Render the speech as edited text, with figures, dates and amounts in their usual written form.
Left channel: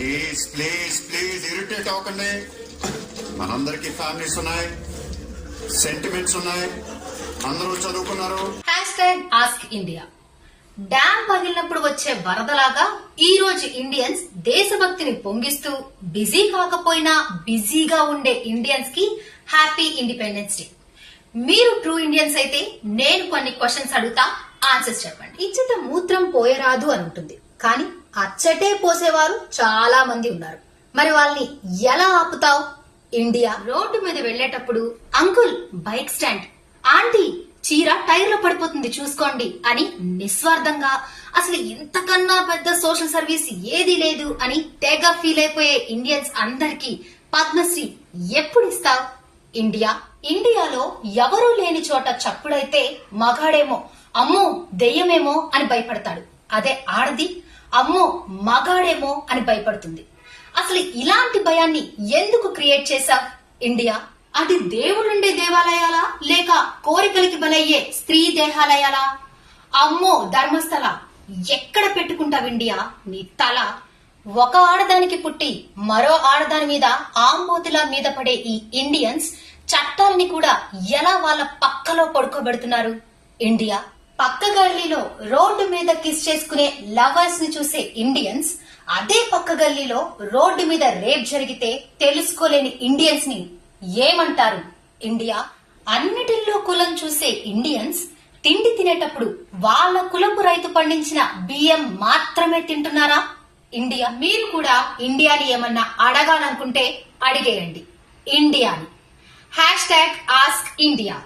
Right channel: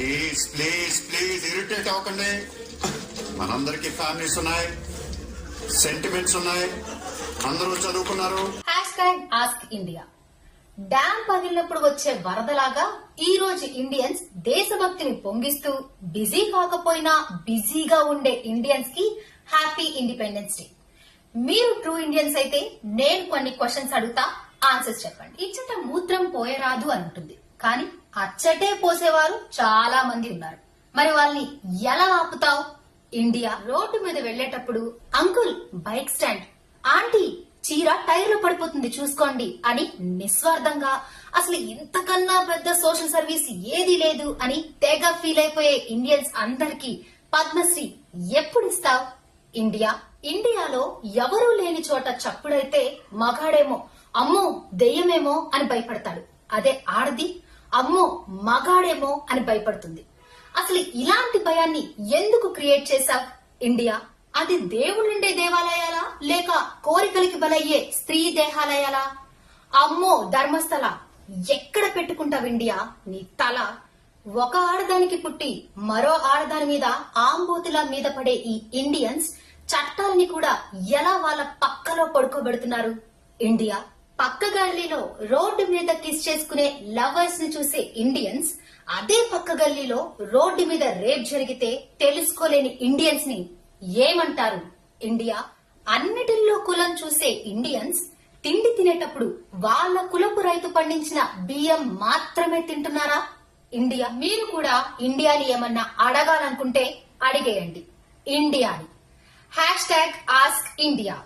Please please please irritate అవ్వకండి. మనందరికి families ఉన్నాయి, సెంటిమెంట్స్ ఉన్నాయి, అందరూ చదువుకున్నారు. ఆస్క్ ఇండియా డ్యామ్ పగిలినప్పుడు వచ్చే వరదలాగా ఈ రోజు ఇండియన్స్ దేశభక్తిని పొంగిస్తూ బిజీ కాకపోయినా బిజీగా ఉండే ఇండియన్స్ కి హ్యాపీ ఇండిపెండెన్స్ డే. మీరు ట్రూ ఇండియన్స్ అయితే నేను కొన్ని క్వశ్చన్స్ అడుగుతా, ఆన్సర్స్ చెప్పండి. ఇచ్చట మూత్రం పోయరాదు అని ఉంటుంది, కానీ అచ్చటే పోసేవారు చాలా మంది ఉన్నారు. మరి వాళ్ళని ఎలా ఆపుతావు? ఇండియా రోడ్డు మీద వెళ్లేటప్పుడు అంకుల్ బైక్ స్టాండ్, ఆంటీ చీర టైర్ లో పడిపోతుంది చూసుకోండి అని నిస్వార్థంగా, అసలు ఇంతకన్నా పెద్ద సోషల్ సర్వీస్ ఏది లేదు అని తెగ ఫీల్ అయిపోయే ఇండియన్స్ అందరికీ పద్మశ్రీ ఎప్పుడు ఇస్తావు? ఇండియా ఇండియాలో ఎవరూ లేని చోట చప్పుడైతే మగాడేమో అమ్మో దెయ్యమేమో అని భయపడతాడు, అదే ఆడది అమ్మో మగాడేమో అని భయపడుతుంది. అసలు ఇలాంటి భయాన్ని ఎందుకు క్రియేట్ చేశావు? ఇండియా అది దేవుడుండే దేవాలయాలా లేక కోరికలకి బలయ్యే స్త్రీ దేహాలయాలా? అమ్మో ధర్మస్థల ఎక్కడ పెట్టుకుంటావు ఇండియా నీ తల? ఒక ఆడదానికి పుట్టి మరో ఆడదాని మీద ఆంబోతుల మీద పడే ఈ ఇండియన్స్ చట్టాలని కూడా ఎలా వాళ్ళ పక్కలో పడుకోబెడుతున్నారు? ఇండియా పక్క గల్లీలో రోడ్డు మీద కిస్ చేసుకునే లవర్స్ ని చూసే ఇండియన్స్ అదే పక్క గల్లీలో రోడ్డు మీద రేప్ జరిగితే తెలుసుకోలేని ఇండియన్స్ ని ఏమంటారు? ఇండియా అన్నిటిల్లో కులం చూసే ఇండియన్స్ తిండి తినేటప్పుడు వాళ్ళ కులపు రైతు పండించిన బియ్యం మాత్రమే తింటున్నారా? ఇండియా మీరు కూడా ఇండియాని ఏమన్నా అడగాలనుకుంటే అడిగేయండి ఇండియాని. #Ask India